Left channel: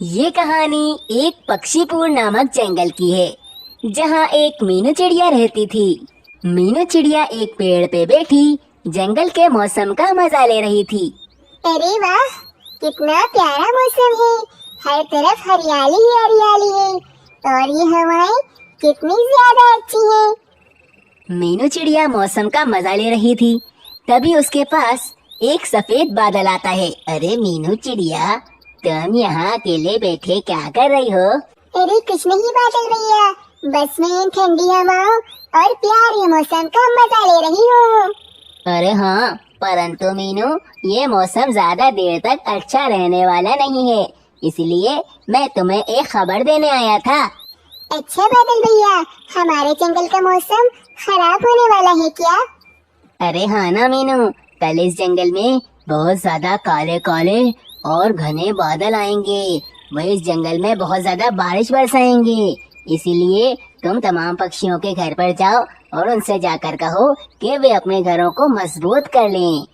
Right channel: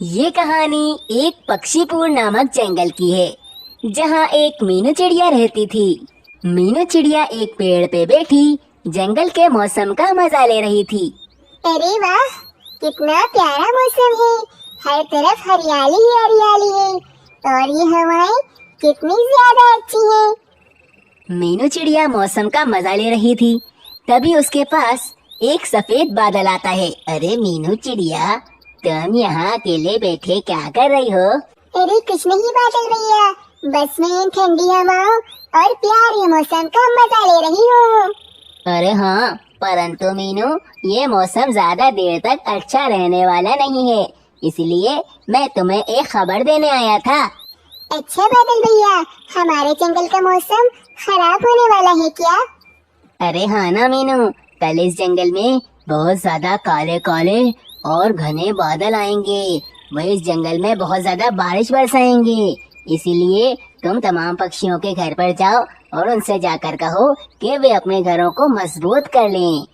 ये कहानी एक पक्षीपुर नामक जंगल की है, जहाँ एक मीनू चिड़िया रहती थी। मीनू चिड़िया एक पेड़ पे बैठी जंगल के मौसम का मजा ले रही थी। अरे वाह, कितना प्यारा मौसम है। हर तरफ हरियाली ही हरियाली है और ये हवाएं कितनी ज्यादा अच्छी हैं। मीनू चिड़िया मौसम का मजा ले रही थी, तभी उसके पास एक सफेद बादल आता है। अरे मीनू चिड़िया, तुम यहाँ अकेले बैठे क्या कर रही हो? अरे कुछ नहीं बादल भैया, बस मैं इन ठंडी हवाओं और प्यारे मौसम का मजा ले रही हूँ। अरे हाँ, परंतु मीनू, ये मौसम ज्यादा देर तक अच्छा रहने वाला नहीं है, इसलिए मैं तुम्हें एक खबर देने आया था। अच्छा बादल भैया, हमारे जंगल का मौसम खराब होने वाला है क्या? अरे हाँ ना मीनू, कल इस जंगल में बहुत ज्यादा काले काले और घने बादल आएंगे। वह इस जंगल में बहुत ज्यादा बारिश बरसाएंगे, इसीलिए तुम तमाम पक्षियों के घर पर जाओ और उनसे जाकर कहो कि वे अपने घरों को मजबूत कर लें।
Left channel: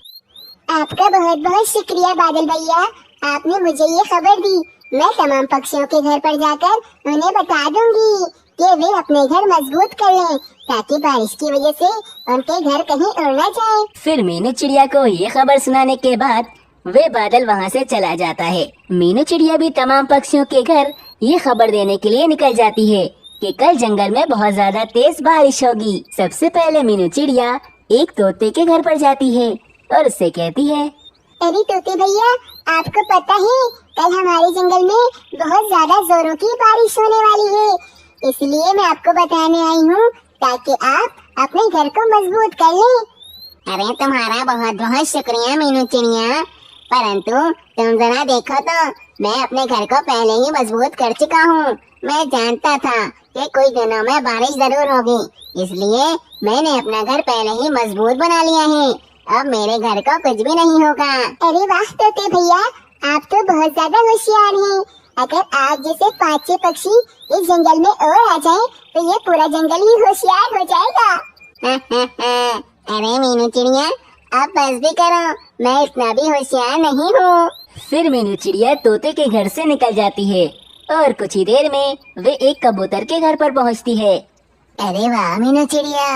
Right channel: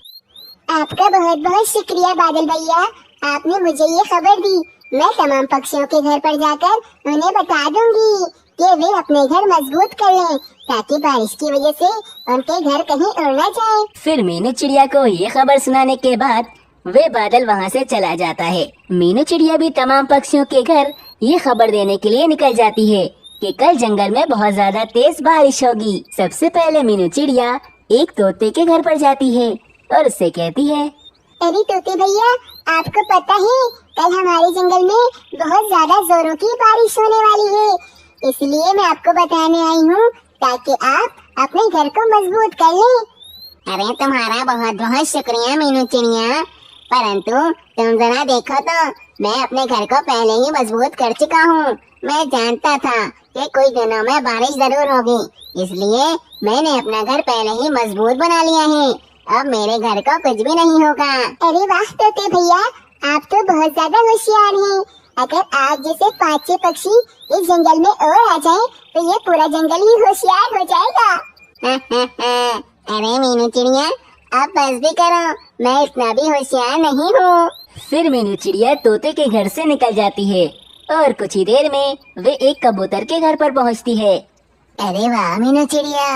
आपका बहुत बहुत शुक्रिया बादल भैया, आपने मुझे ये खबर दी। मैं तमाम पक्षियों के घर पर जाकर उन्हें बता दूंगी कि वे अपने घर मजबूत कर लें, ताकि बारिश की वजह से उनके घर कहीं उड़ न जाए। फिर मीनू चिड़िया को ये खबर सुनाने के बाद वे बादल वहाँ से चला जाता है। मीनू चिड़िया भी तमाम पक्षियों के घर ये खबर देने के लिए निकल जाती है कि कल जंगल में बहुत ज्यादा तेज बारिश होगी। सबसे पहले मीनू चिड़िया एक तोते के घर पर जाती है और उससे कहती है, अरे तोते भैया, आपको पता है कल हमारे जंगल में बहुत ज्यादा जोरों की बारिश होने वाली है, इसलिए मैं आपको बताने आई हूँ ताकि आप अपने घर को मजबूत कर लें। अरे तुम्हारा बहुत बहुत शुक्रिया मीनू चिड़िया, परंतु तुम जरा देखो तो, मैं अपने घर को पहले ही मजबूत कर चुका हूँ। मैं जानता था कि कुछ दिनों में बारिश जरूर होगी, इसलिए मैंने अपना घर पहले ही मजबूत बना लिया है। अब मेरे घर को कुछ भी नहीं होगा। अरे वाह तोते भैया, आप तो बहुत ज्यादा होशियार हैं। अगर आप जैसे 5-6 पक्षी इस जंगल में और आ जाएं, तो ये पूरा जंगल ही होशियार हो जाएगा। अरे मीनू चिड़िया, आप बस भी करो, मैं इतना भी होशियार नहीं हूँ। फिर मीनू चिड़िया तोते के घर से निकल जाती है और कुछ ही देर में वे एक कबूतर के घर पर पहुंचती है। अरे वाह मीनू चिड़िया,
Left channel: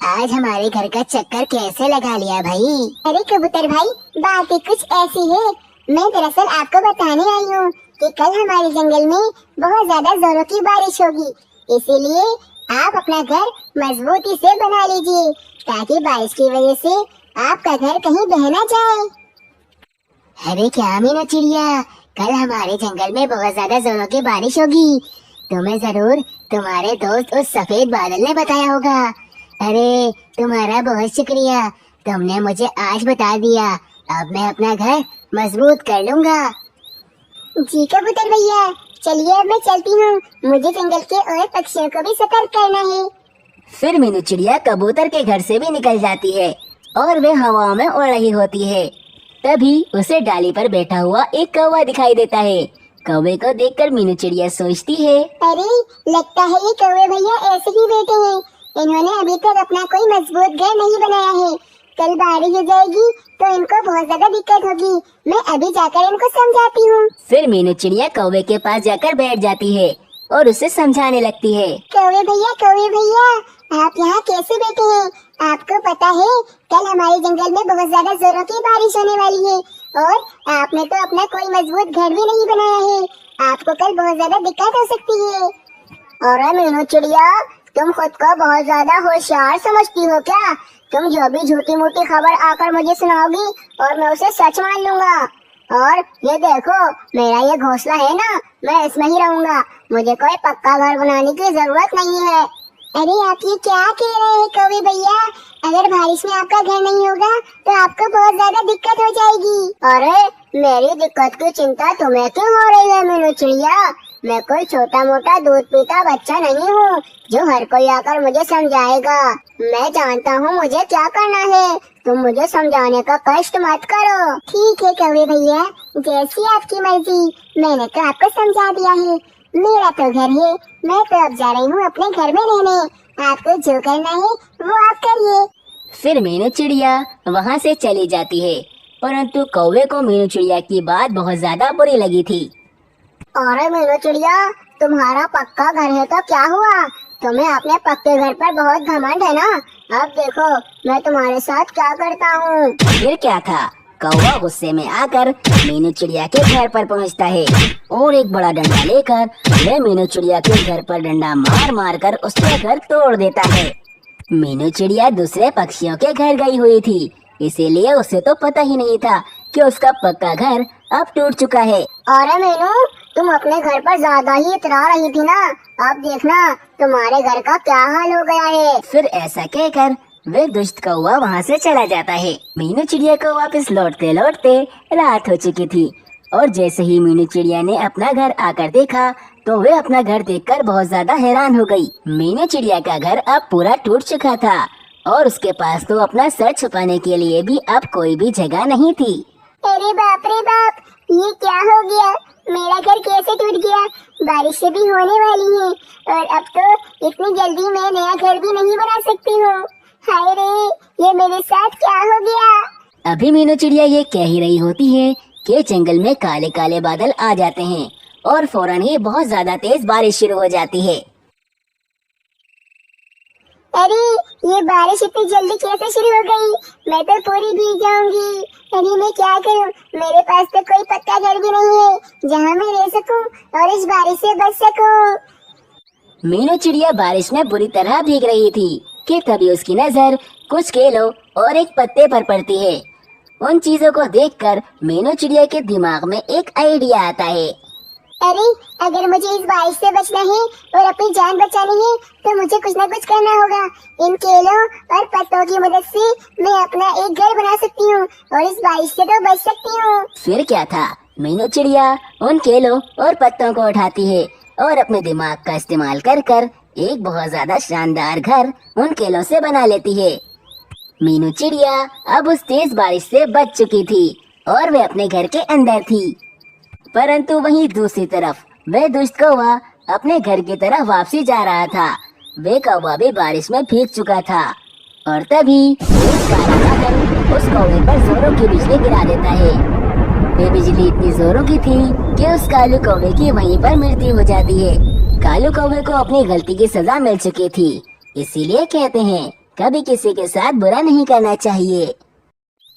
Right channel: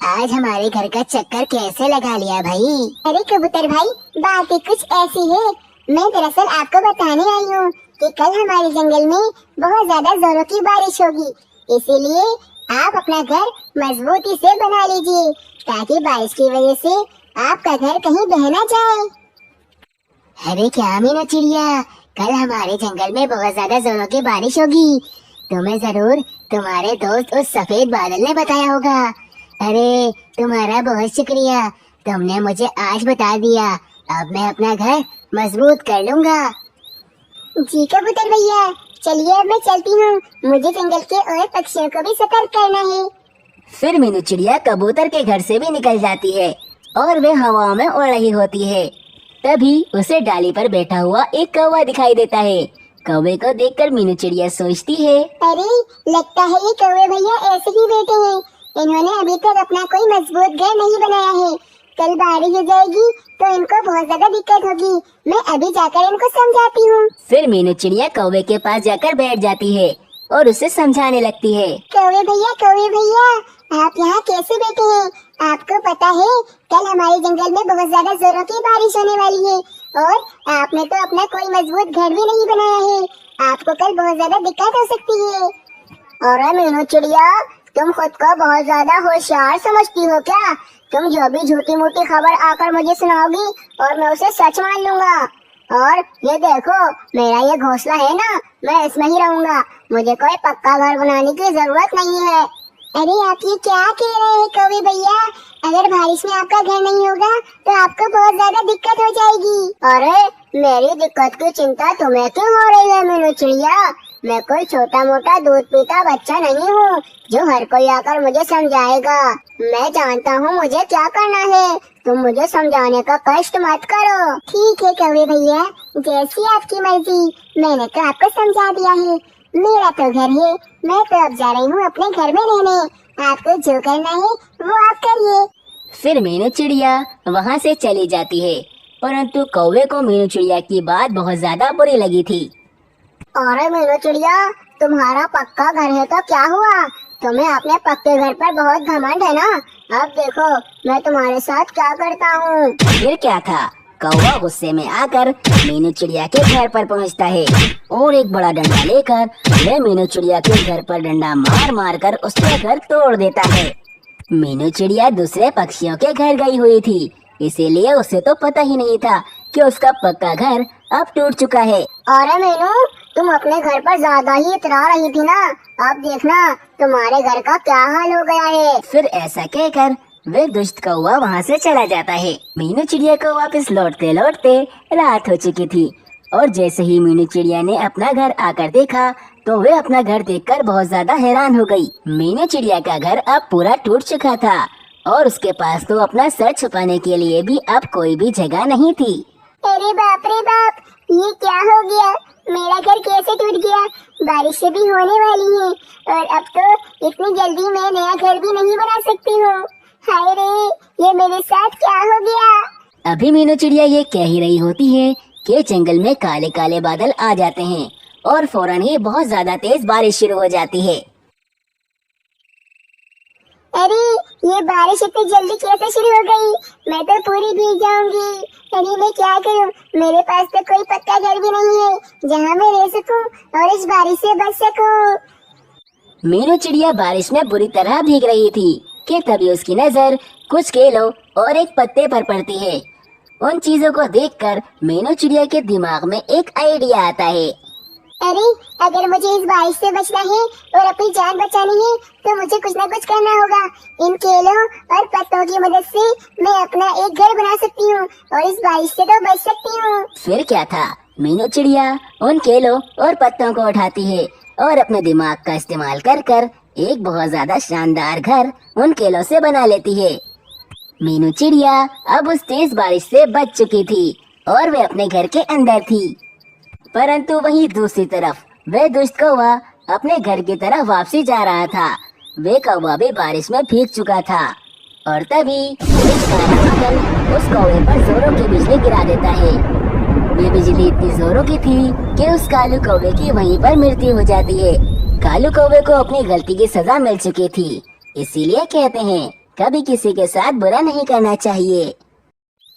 आज हमारे घर का चक्कर कैसे लगा लिया भाई। अरे कबूतर भाई, बात कुछ ऐसी है। मैं दरअसल आपको बताने आई हूँ कि कल हमारे जंगल में बहुत ज्यादा जोरों की बारिश होगी, इसीलिए आप अपना घर मजबूती से बना लीजिए, ताकि बारिश की वजह से आपका घर कहीं बह ना जाए। अरे क्या मीनू चिड़िया, कल हमारे जंगल में बहुत ज्यादा जोरों की बारिश होगी। तुम्हें जरूर तुम्हारे दोस्त उस सफेद बादल ने बताया होगा। अरे तुम्हारा बहुत शुक्रिया, तुमने मुझे आज बता दिया। अब मैं अपना घर मजबूत कर लूँगा। जी कबूतर भैया, चलिए अब मैं चलती हूँ, मुझे जंगल के और पक्षियों को भी सतर्क करना है। फिर मीनू चिड़िया कबूतर के घर से भी निकल जाती है और वे हवाओं में उड़ रही होती है। तभी उसे डाली पर बैठा हुआ एक कौवा दिखाई देता है। कौवे को देखकर मीनू चिड़िया सोचती है, अरे लगता है ये कौवे भैया ऐसे ही बैठे हैं, इन्होंने अभी तक अपना कोई मजबूत घर नहीं बनाया है। कल बारिश हो जाएगी तो इनको बहुत ज्यादा दिक्कत होगी, मैं अभी जाकर इनको समझाती हूँ। फिर मीनू चिड़िया कौवे के पास जाकर बैठ जाती है और उसे समझाने लगती है, कौवे भैया, आप यहाँ कैसे बैठे हैं? आपको पता है कल हमारे जंगल में बहुत ज्यादा जोरों की बारिश होने वाली है और आपने तो अपना कोई मजबूत घर भी नहीं बनाया है, आपको कल बहुत ज्यादा दिक्कत हो सकती है। अरे मीनू चिड़िया, तुम खुद को बहुत ज्यादा होशियार समझती हो क्या? तुम जो भी झूठी मूठी खबर आकर मुझे सुनाओगी और मैं उसे सच मान लूंगा। और ये देखो, मेरा ये घोंसला है ना, मैं इसमें ही रहूंगा, मुझे कोई पक्का घर बनाने की जरूरत नहीं है। अरे आप ये क्या कह रहे हैं कौवे भैया? अगर बारिश में आपका घर नहीं होगा तो आपको बहुत ज्यादा दिक्कत हो जाएगी। अरे मेरी दिक्कत की चिंता तुम्हें क्यों हो रही है मीनू चिड़िया? मैं कोई छोटा मोटा दूध पीता बच्चा नहीं हूँ जो हर कोई आकर मुझे समझाएगा। मैं जानता हूँ मुझे क्या करना है, तुम मुझे समझाने का कष्ट मत करो। ठीक है कौवे भैया, जैसी आपकी मर्जी, मैंने तो आपको समझा दिया है। मेरा तो घर है, मैं तो अब जा रही हूँ अपने घर में रहने, आपको जो करना है वो आप करिए। फिर मीनू चिड़िया वहाँ से चली जाती है, परंतु कौवे को मीनू चिड़िया की बात बहुत ज्यादा बुरी लगी थी। अरे मीनू चिड़िया, तुम्हारा पक्का घर है तो क्या हुआ? तुम्हें अपने पक्के घर पर बहुत घमंड है ना। अब देखो मैं तुम्हारे साथ क्या करता हूँ। फिर क्या था, कौवा गुस्से में आकर मीनू चिड़िया के घर पर पहुंचता है और एक बड़ा डंडा लेकर वह मीनू चिड़िया के घर पर डंडा मार मार कर उसका घर तोड़ देता है। मीनू चिड़िया दूसरे पक्षियों के घर गई हुई थी, इसीलिए उसे तो पता ही नहीं था कि उसका पक्का घर अब टूट चुका है। अरे मीनू, तुम अपने घर पर ज्यादा ही इतरा रही थी ना। अब देखना तुम्हारे घर का क्या हाल हो गया है। फिर ऐसा कहकर वे दुष्ट कौवा वहाँ से चला जाता है। मीनू चिड़िया को वापस लौटते लौटते रात हो चुकी थी और जैसे ही मीनू चिड़िया ने अपना घर आकर देखा तो वे अपना घर देखकर बहुत ज्यादा हैरान हो गई। मीनू चिड़िया का घर अब पूरा टूट चुका था और उसके पास तो अपना सर छुपाने के लिए भी अब कोई भी जगह नहीं थी। अरे बाप रे बाप, ये क्या हो गया? मेरा घर कैसे टूट गया? बारिश भी होने वाली है और अब तो इतनी जल्दी मैं नया घर भी नहीं बना सकती हूँ। हाय रे, ये मेरे साथ क्या हो गया? अभी मीनू चिड़िया ये कह ही रही होती है कि जंगल में काले काले बादल आ जाते हैं और फौरन ही बहुत ज्यादा तेज बारिश शुरू हो जाती है। अरे ये बारिश इतनी जल्दी कैसे शुरू हो गई? मैं तो पूरी भीग जाऊंगी। अरे मैं क्या करूं? मेरे पास तो कोई पक्का घर भी नहीं है जहां मैं रह सकूं और इस बारिश से बच सकूं। मीनू चिड़िया बारिश में बुरी तरह भीग रही थी कि तभी उसकी नजर कुछ केलों और एक पत्ते पर पड़ती है। उन चीजों को देखकर मीनू चिड़िया के दिमाग में एक आइडिया आता है। अरे अगर मुझे इस बारिश से बचना है और अपनी जान बचानी है तो मुझे कुछ न कुछ करना होगा। इन केलों और पत्तों की मदद से मैं अपना एक घर बना सकती हूँ और इस बारिश से तो बच सकती हूँ। फिर क्या था, मीनू चिड़िया उन केलों और पत्तों को उठाती है और अपने दिमाग का इस्तेमाल कर कर एक बहुत ज्यादा शानदार घर उन केलों से बना लेती है। मीनू चिड़िया अब उस तेज बारिश से बच चुकी थी और वे अपने घर के अंदर थी। परंतु वहीं दूसरी तरफ वह दुष्ट कौवा अपने घर की तरफ वापसी जा रहा था। वे कौवा भी बारिश में भीग चुका था और तभी एक काला बादल उस कौवे पर जोरों की बिजली गिरा देता है। वे बिजली इतनी जोरों की थी कि उस कालू कौवे की वहीं पर मृत्यु हो जाती है। कालू कौवे को अपनी गलती की सजा मिल चुकी थी, इसीलिए कहते हैं कभी किसी के साथ बुरा नहीं करना चाहिए।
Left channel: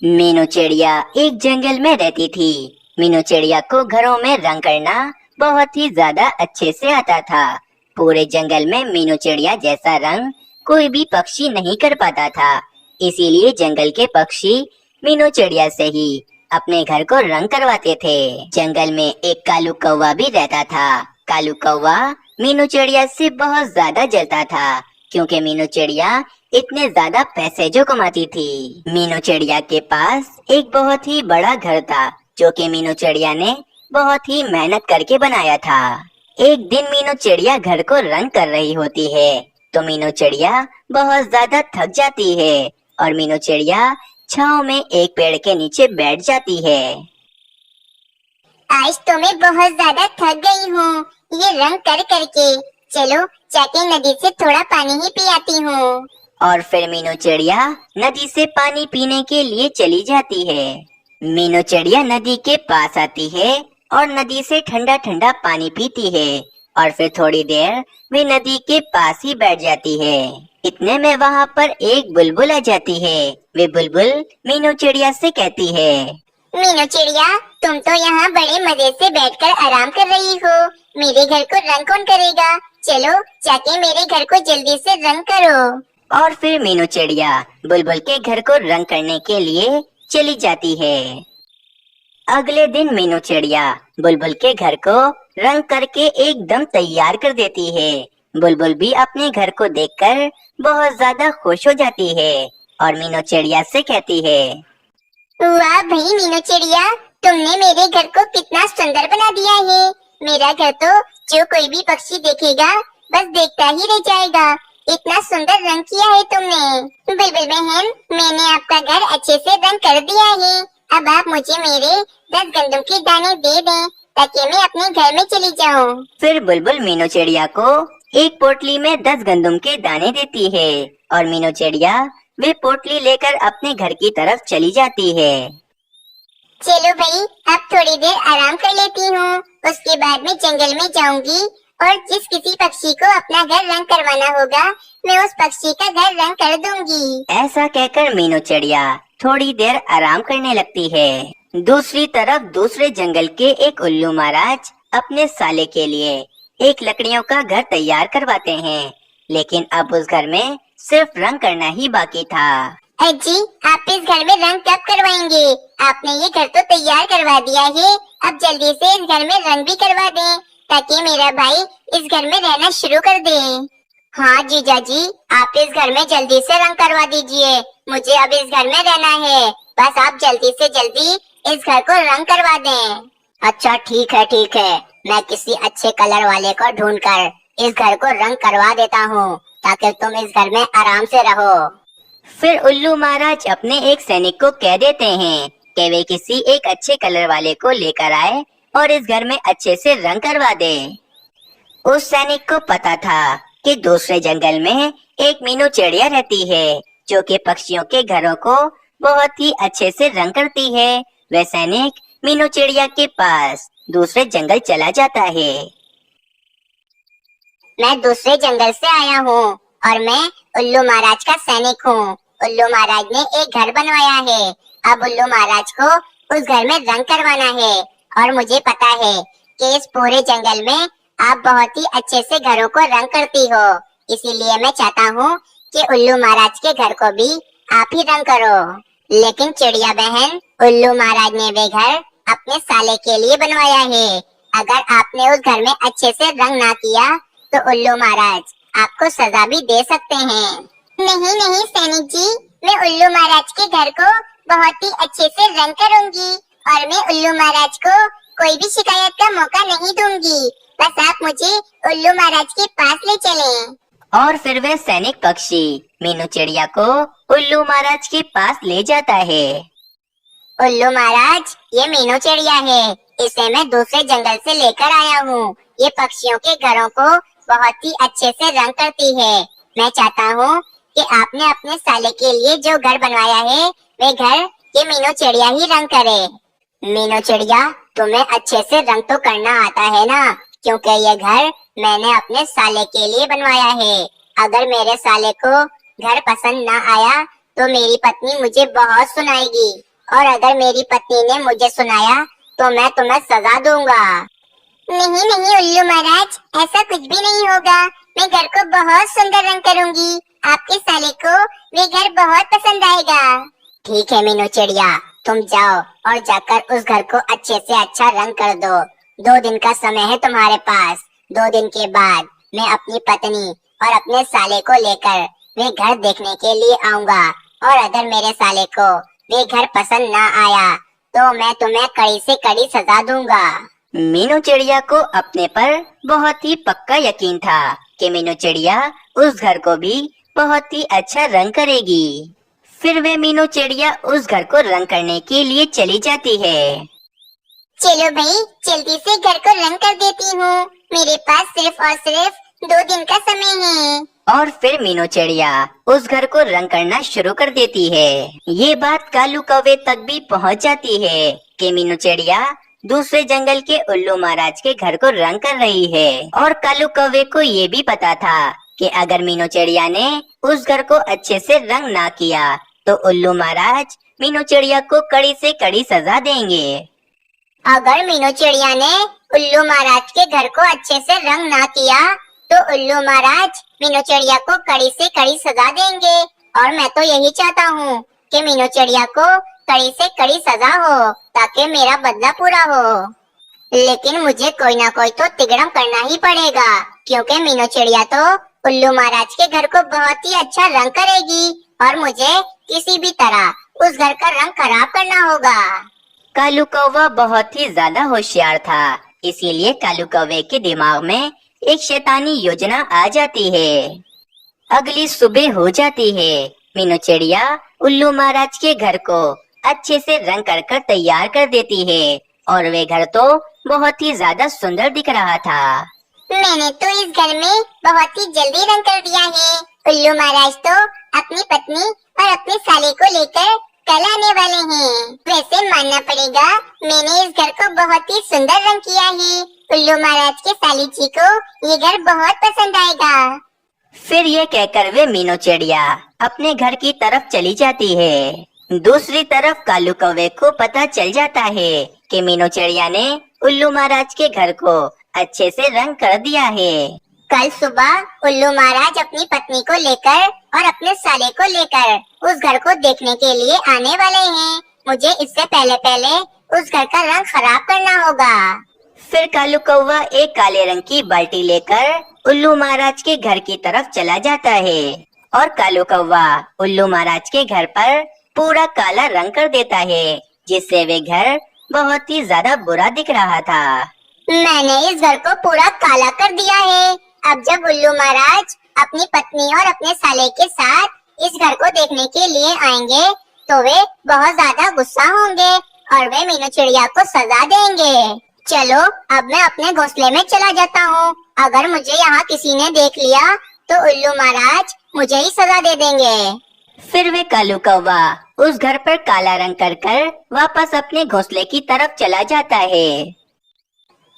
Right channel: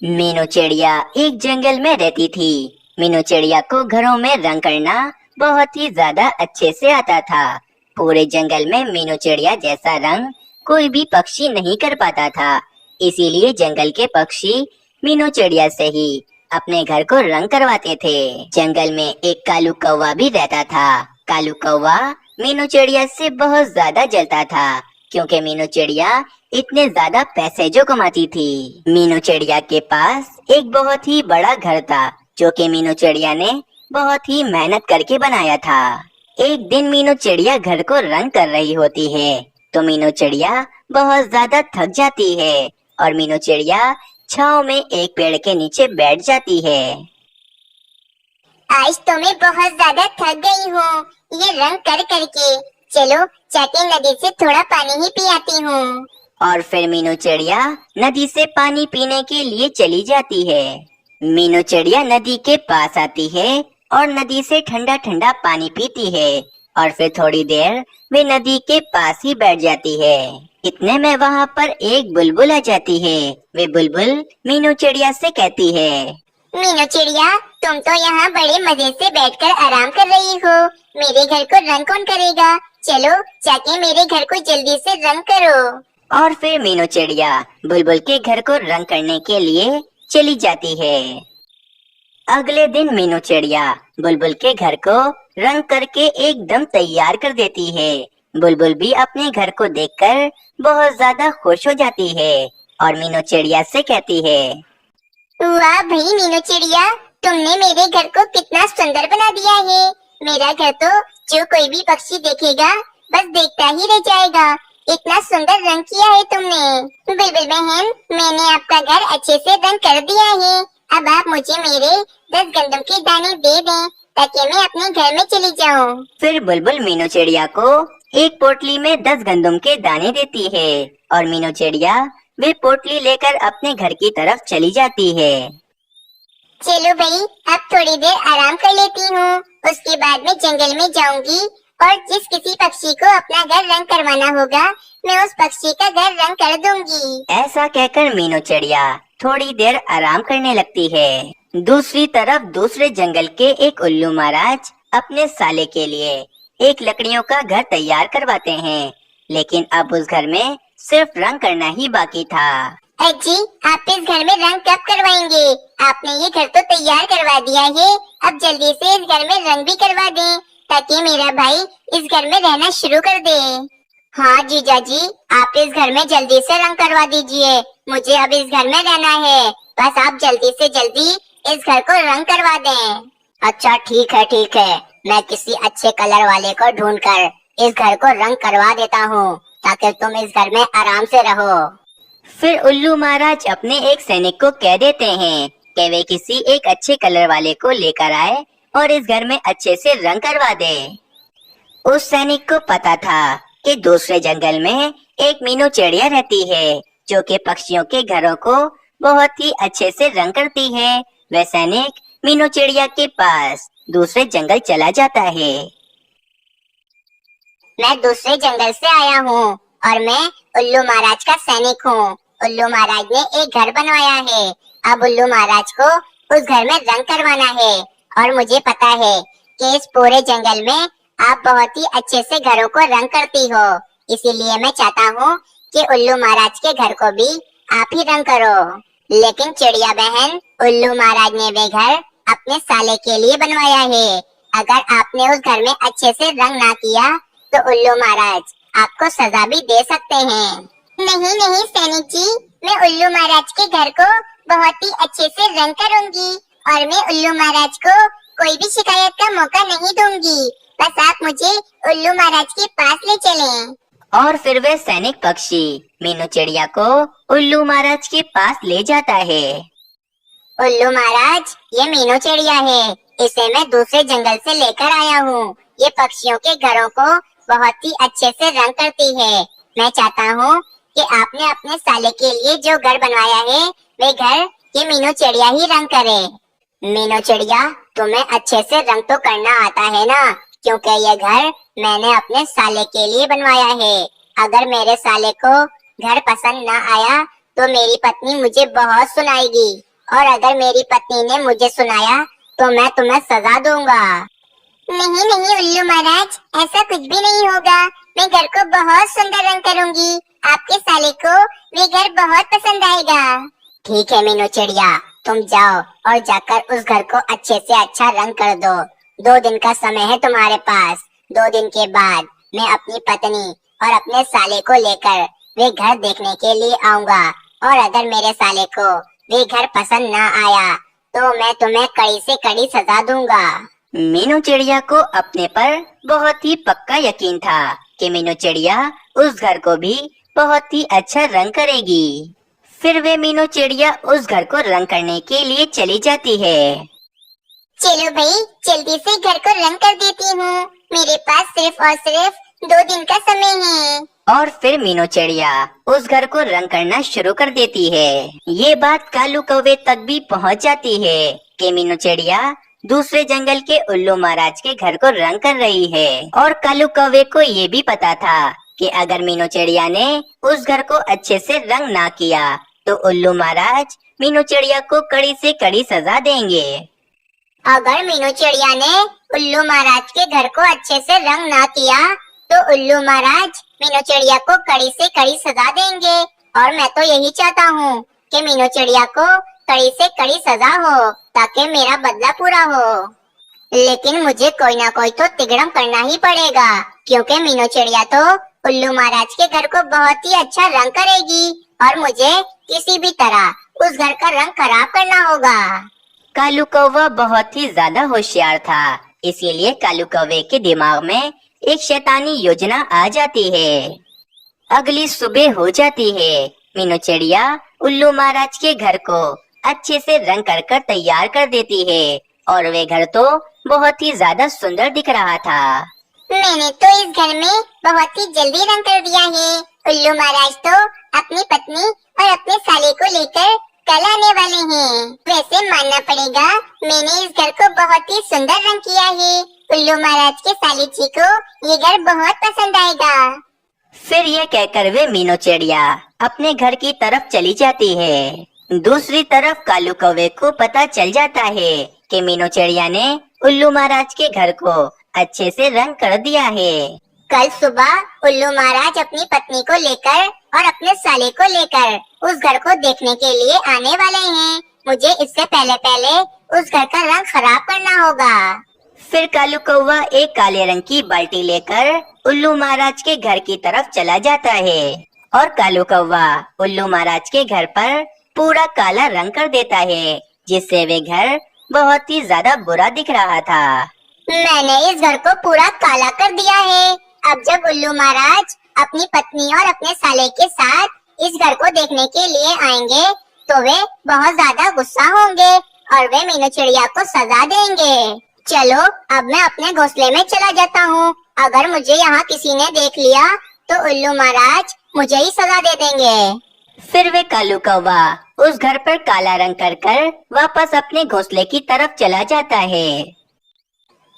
मीनू चिड़िया एक जंगल में रहती थी। मीनू चिड़िया को घरों में रंग करना बहुत ही ज्यादा अच्छे से आता था। पूरे जंगल में मीनू चिड़िया जैसा रंग कोई भी पक्षी नहीं कर पाता था, इसीलिए जंगल के पक्षी मीनू चिड़िया से ही अपने घर को रंग करवाते थे। जंगल में एक कालू कौवा भी रहता था। कालू कौवा मीनू चिड़िया से बहुत ज्यादा जलता था क्योंकि मीनू चिड़िया इतने ज्यादा पैसे जो कमाती थी। मीनू चिड़िया के पास एक बहुत ही बड़ा घर था जो कि मीनू चिड़िया ने बहुत ही मेहनत करके बनाया था। एक दिन मीनू चिड़िया घर को रंग कर रही होती है तो मीनू चिड़िया बहुत ज्यादा थक जाती है और मीनू चिड़िया छांव में एक पेड़ के नीचे बैठ जाती है। आज तो मैं बहुत ज्यादा थक गई हूँ ये रंग कर करके। चलो जाके नदी से थोड़ा पानी ही पी आती हूँ। और फिर मीनू चिड़िया नदी से पानी पीने के लिए चली जाती है। मीनू चिड़िया नदी के पास आती है और नदी से ठंडा ठंडा पानी पीती है और फिर थोड़ी देर वे नदी के पास ही बैठ जाती है। इतने में वहाँ पर एक बुलबुल आ जाती है। वे बुलबुल मीनू चिड़िया से कहती है, मीनू चिड़िया, तुम तो यहाँ बड़े मजे से बैठकर आराम कर रही हो। मेरे घर को रंग कौन करेगा? चलो जाके मेरे घर को जल्दी से रंग करो। और फिर मीनू चिड़िया बुलबुल के घर को रंग करने के लिए चली जाती है। अगले दिन मीनू चिड़िया बुलबुल के घर को रंग करके एकदम तैयार कर देती है। बुलबुल भी अपने घर को देखकर बहुत ज्यादा खुश हो जाती है और मीनू चिड़िया से कहती है, वाह भाई मीनू चिड़िया, तुमने मेरे घर को कितना सुंदर बना दिया है। मेरा घर तो जो कोई भी पक्षी देखेगा बस देखता ही रह जाएगा। इतना सुंदर रंग किया है तुमने। बुलबुल बहन, मैंने आपका घर अच्छे से रंग कर दिया है। अब आप मुझे मेरे 10 गंदम के दाने दे दें ताकि मैं अपने घर में चली जाऊं। फिर बुलबुल मीनू चिड़िया को एक पोटली में 10 गंदम के दाने देती है और मीनू चिड़िया वे पोटली लेकर अपने घर की तरफ चली जाती है। चलो भाई, अब थोड़ी देर आराम कर लेती हूँ। उसके बाद मैं जंगल में जाऊंगी और जिस किसी पक्षी को अपना घर रंग करवाना होगा, मैं उस पक्षी का घर रंग कर दूंगी। ऐसा कहकर मीनू चिड़िया थोड़ी देर आराम करने लगती है। दूसरी तरफ दूसरे जंगल के एक उल्लू महाराज अपने साले के लिए एक लकड़ियों का घर तैयार करवाते हैं, लेकिन अब उस घर में सिर्फ रंग करना ही बाकी था। अजी, आप इस घर में रंग कब करवाएंगे? आपने ये घर तो तैयार करवा दिया है, अब जल्दी से इस घर में रंग भी करवा दें, ताकि मेरा भाई इस घर में रहना शुरू कर दे। हाँ जीजा जी, आप इस घर में जल्दी से रंग करवा दीजिए। मुझे अब इस घर में रहना है, बस आप जल्दी से जल्दी इस घर को रंग करवा दें। अच्छा ठीक है, मैं किसी अच्छे कलर वाले को ढूंढकर इस घर को रंग करवा देता हूँ, ताकि तुम इस घर में आराम से रहो। फिर उल्लू महाराज अपने एक सैनिक को कह देते हैं कि वे किसी एक अच्छे कलर वाले को लेकर आए और इस घर में अच्छे से रंग करवा दे। उस सैनिक को पता था कि दूसरे जंगल में एक मीनू चिड़िया रहती है, जो कि पक्षियों के घरों को बहुत ही अच्छे से रंग करती है। वह सैनिक मीनू चिड़िया के पास दूसरे जंगल चला जाता है। मैं दूसरे जंगल से आया हूँ और मैं उल्लू महाराज का सैनिक हूँ। उल्लू महाराज ने एक घर बनवाया है, अब उल्लू महाराज को उस घर में रंग करवाना है, और मुझे पता है कि इस पूरे जंगल में आप बहुत ही अच्छे से घरों को रंग करती हो, इसीलिए मैं चाहता हूँ कि उल्लू महाराज के घर को भी आप ही रंग करो। लेकिन चिड़िया बहन, उल्लू महाराज ने वे घर अपने साले के लिए बनवाया है। अगर आपने उस घर में अच्छे से रंग ना किया तो उल्लू महाराज आपको सजा भी दे सकते हैं। नहीं सैनिक जी, मैं उल्लू महाराज के घर को बहुत ही अच्छे से रंग करूंगी और मैं उल्लू महाराज को कोई भी शिकायत का मौका नहीं दूंगी। बस आप मुझे उल्लू महाराज के पास ले चलें। और फिर वह सैनिक पक्षी मीनू चिड़िया को उल्लू महाराज के पास ले जाता है। उल्लू महाराज, ये मीनू चिड़िया है, इसे मैं दूसरे जंगल से लेकर आया हूँ। ये पक्षियों के घरों को बहुत ही अच्छे से रंग करती है। मैं चाहता हूँ कि आपने अपने साले के लिए जो घर बनवाया है, वे घर ये मीनू चिड़िया ही रंग करे। मीनू चिड़िया, तुम्हें अच्छे से रंग तो करना आता है ना, क्योंकि ये घर मैंने अपने साले के लिए बनवाया है। अगर मेरे साले को घर पसंद न आया तो मेरी पत्नी मुझे बहुत सुनाएगी, और अगर मेरी पत्नी ने मुझे सुनाया तो मैं तुम्हें सजा दूंगा। नहीं उल्लू महाराज, ऐसा कुछ भी नहीं होगा। मैं घर को बहुत सुंदर रंग करूंगी, आपके साले को वे घर बहुत पसंद आएगा। ठीक है मीनू चिड़िया, तुम जाओ और जाकर उस घर को अच्छे से अच्छा रंग कर दो। 2 दिन का समय है तुम्हारे पास। 2 दिन के बाद मैं अपनी पत्नी और अपने साले को लेकर वे घर देखने के लिए आऊंगा, और अगर मेरे साले को वे घर पसंद न आया तो मैं तुम्हें कड़ी से कड़ी सजा दूंगा। मीनू चिड़िया को अपने पर बहुत ही पक्का यकीन था कि मीनू चिड़िया उस घर को भी बहुत ही अच्छा रंग करेगी। फिर वे मीनू चिड़िया उस घर को रंग करने के लिए चली जाती है। चलो भाई, जल्दी से घर को रंग कर देती हूँ। मेरे पास सिर्फ और सिर्फ 2 दिन का समय है। और फिर मीनू चिड़िया उस घर को रंग करना शुरू कर देती है। ये बात कालू कौवे तक भी पहुंच जाती है कि मीनू चिड़िया दूसरे जंगल के उल्लू महाराज के घर को रंग कर रही है। और कालू कौवे को ये भी पता था कि अगर मीनू चिड़िया ने उस घर को अच्छे से रंग ना किया तो उल्लू महाराज मीनू चिड़िया को कड़ी से कड़ी सजा देंगे। अगर मीनू चिड़िया ने उल्लू महाराज के घर को अच्छे से रंग ना किया तो उल्लू महाराज मीनू चिड़िया को कड़ी से कड़ी सजा देंगे, और मैं तो यही चाहता हूँ कि मीनू चिड़िया को कड़ी से कड़ी सजा हो, ताकि मेरा बदला पूरा हो। लेकिन मुझे कोई ना कोई तो तिगड़म करना ही पड़ेगा, क्योंकि मीनू चिड़िया तो उल्लू महाराज के घर को बहुत ही अच्छा रंग करेगी, और मुझे किसी भी तरह उस घर का रंग खराब करना होगा। कालू कौवा बहुत ही ज्यादा होशियार था, इसीलिए कालू कौवे के दिमाग में एक शैतानी योजना आ जाती है। अगली सुबह हो जाती है। मीनू चिड़िया उल्लू महाराज के घर को अच्छे से रंग कर तैयार कर देती है, और वे घर तो बहुत ही ज्यादा सुंदर दिख रहा था। मैंने तो इस घर में बहुत ही जल्दी रंग कर दिया है। उल्लू महाराज तो अपनी पत्नी और अपने साले को लेकर कल आने वाले हैं। वैसे मानना पड़ेगा, मैंने इस घर को बहुत ही सुंदर रंग किया है। उल्लू महाराज के साली जी को ये घर बहुत पसंद आएगा। फिर ये कहकर वे मीनू चिड़िया अपने घर की तरफ चली जाती है। दूसरी तरफ कालू कौवे को पता चल जाता है कि मीनू चिड़िया ने उल्लू महाराज के घर को अच्छे से रंग कर दिया है। कल सुबह उल्लू महाराज अपनी पत्नी को लेकर और अपने साले को लेकर उस घर को देखने के लिए आने वाले हैं। मुझे इससे पहले उस घर का रंग खराब करना होगा। फिर कालू कौवा एक काले रंग की बाल्टी लेकर उल्लू महाराज के घर की तरफ चला जाता है और कालू कौवा उल्लू महाराज के घर पर पूरा काला रंग कर देता है, जिससे वे घर बहुत ही ज्यादा बुरा दिख रहा था। मैंने इस घर को पूरा काला कर दिया है। अब जब उल्लू महाराज अपनी पत्नी और अपने साले के साथ इस घर को देखने के लिए आएंगे तो वे बहुत ज्यादा गुस्सा होंगे और वे मीनू चिड़िया को सजा देंगे। चलो अब मैं अपने घोंसले में चला जाता हूँ। अगर मुझे यहाँ किसी ने देख लिया तो उल्लू महाराज मुझे ही सजा दे देंगे। फिर वे कालू कौवा उस घर पर काला रंग कर वापस अपने घोंसले की तरफ चला जाता है।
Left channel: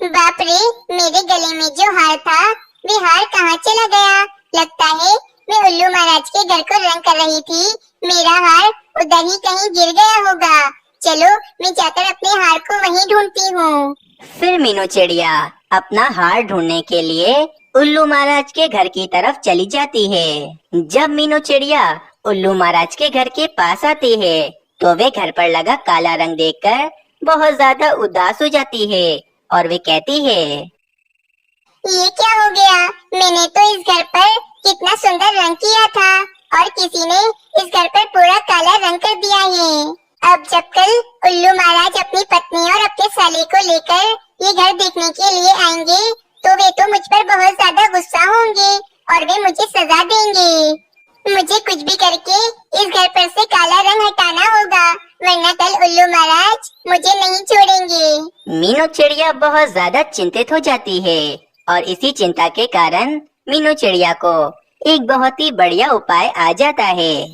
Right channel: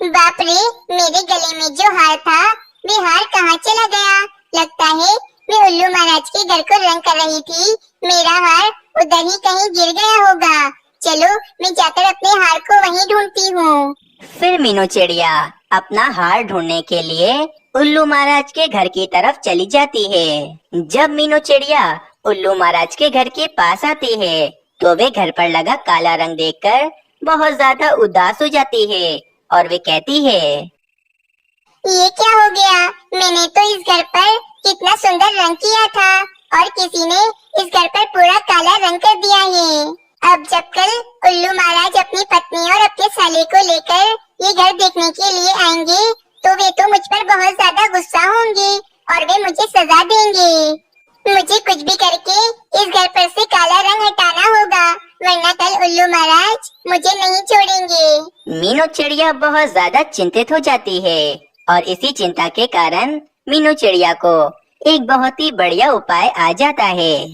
बाप रे, मेरे गले में जो हार था वे हार कहाँ चला गया? लगता है मैं उल्लू महाराज के घर को रंग कर रही थी, मेरा हार उधर ही कहीं गिर गया होगा। चलो मैं जाकर अपने हार को वहीं ढूंढती हूँ। फिर मीनू चिड़िया अपना हार ढूंढने के लिए उल्लू महाराज के घर की तरफ चली जाती है। जब मीनू चिड़िया उल्लू महाराज के घर के पास आती है तो वे घर पर लगा काला रंग देखकर बहुत ज्यादा उदास हो जाती है और वे कहती है, ये क्या हो गया? मैंने तो इस घर पर कितना सुंदर रंग किया था और किसी ने इस घर पर पूरा काला रंग कर दिया है। अब जब कल उल्लू महाराज अपनी पत्नी और अपने साले को लेकर ये घर देखने के लिए आएंगे तो वे तो मुझ पर बहुत ज्यादा गुस्सा होंगे और वे मुझे सजा देंगे। मुझे कुछ भी करके इस घर पर से काला रंग हटाना होगा, वरना कल उल्लू महाराज मुझे नहीं छोड़ेंगे। मीनू चिड़िया बहुत ज्यादा चिंतित हो जाती है और इसी चिंता के कारण मीनू चिड़िया को एक बहुत ही बढ़िया उपाय आ जाता है।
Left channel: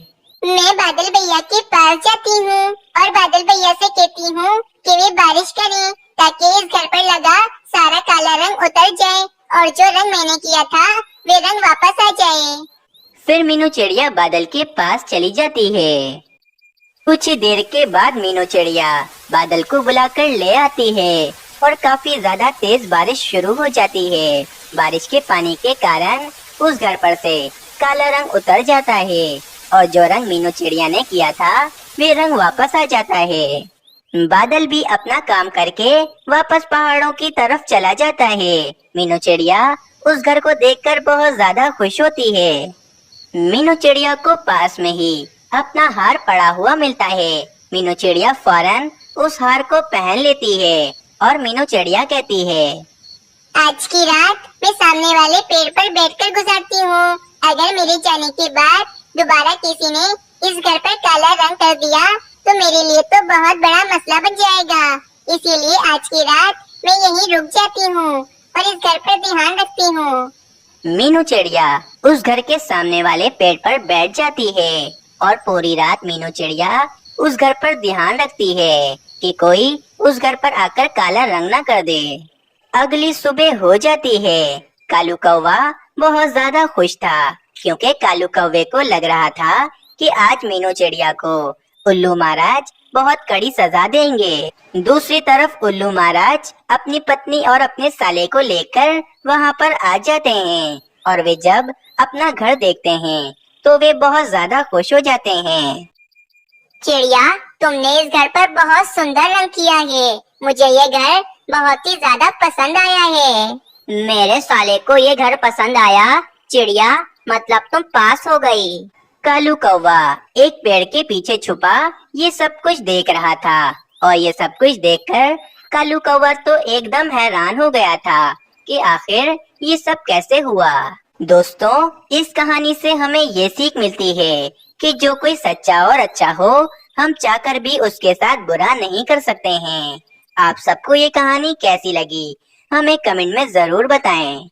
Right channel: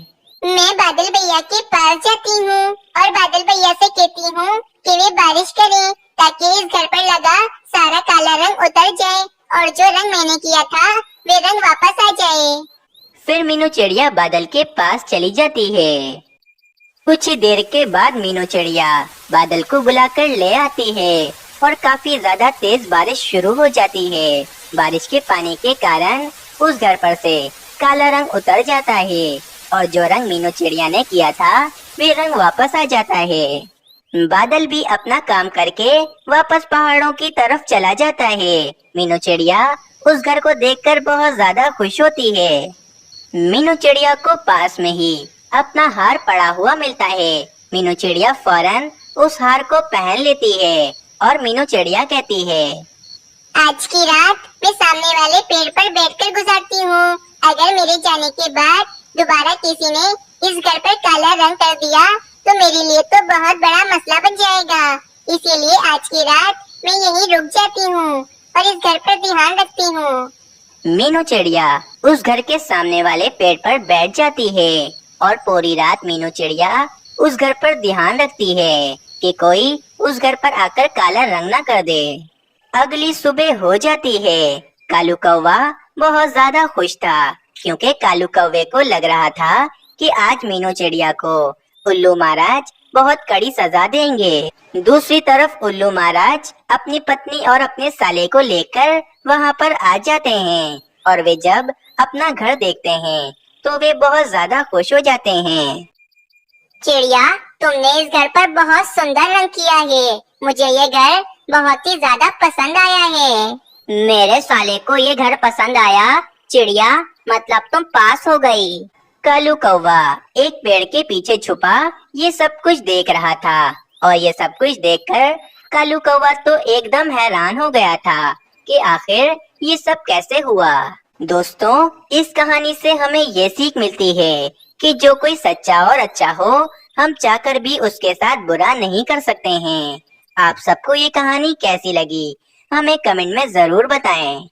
मैं बादल भैया के पास जाती हूँ और बादल भैया से कहती हूँ कि वे बारिश करें ताकि इस घर पर लगा सारा काला रंग उतर जाए और जो रंग मैंने किया था वे रंग वापस आ जाए। फिर मीनू चिड़िया बादल के पास चली जाती है। कुछ ही देर के बाद मीनू चिड़िया बादल को बुलाकर ले आती है और काफी ज्यादा तेज बारिश शुरू हो जाती है। बारिश के पानी के कारण उस घर पर से काला रंग उतर जाता है और जो रंग मीनू चिड़िया ने किया था वे रंग वापस आ जाता है। बादल भी अपना काम करके वापस पहाड़ों की तरफ चला जाता है। मीनू चिड़िया उस घर को देखकर बहुत ज्यादा खुश होती है। मीनू चिड़िया को पास में ही अपना हार पड़ा हुआ मिलता है। मीनू चिड़िया फौरन उस हार को पहन लेती है और मीनू चिड़िया कहती है, आज की रात मैं सामने वाले पेड़ पर बैठकर गुजारती हूँ। अगर मेरे जाने के बाद दोबारा किसी ने इस घर पर काला रंग कर दिया तो मेरे लिए तो बहुत बड़ा मसला बन जाएगा। इसीलिए आज की रात मैं यहीं रुक जाती हूँ और इस घर पर ध्यान रखती हूँ। मीनू चिड़िया उस घर के सामने वाले पेड़ पर बैठ जाती है और पूरी रात मीनू चिड़िया उस घर पर ध्यान रखती है कि कोई उस घर पर आकर काला रंग न कर दे। अगली सुबह हो जाती है। कालू कौवा बहुत ज्यादा खुश था क्योंकि कालू कौवे को लग रहा था कि आज मीनू चिड़िया को उल्लू महाराज बहुत कड़ी सजा देंगे। दूसरी तरफ उल्लू महाराज अपनी पत्नी और अपने साले को लेकर वहाँ पर आ जाते हैं और वे जब अपना घर देखते हैं तो वे बहुत ज्यादा खुश हो जाते हैं। चिड़िया, तुमने इस घर पर बहुत सुंदर रंग किया है। मुझे ये घर बहुत ही ज्यादा पसंद आया है। मेरे साले को ये घर पसंद आया। चिड़िया, मतलब तुम पास हो गई। कालू कौवा एक पेड़ के पीछे छुपा ये सब कुछ देख रहा था और ये सब कुछ देखकर कालू कौवा तो एकदम हैरान हो गया था कि आखिर ये सब कैसे हुआ। दोस्तों, इस कहानी से हमें ये सीख मिलती है कि जो कोई सच्चा और अच्छा हो, हम चाहकर भी उसके साथ बुरा नहीं कर सकते हैं। आप सबको ये कहानी कैसी लगी हमें कमेंट में जरूर बताएं।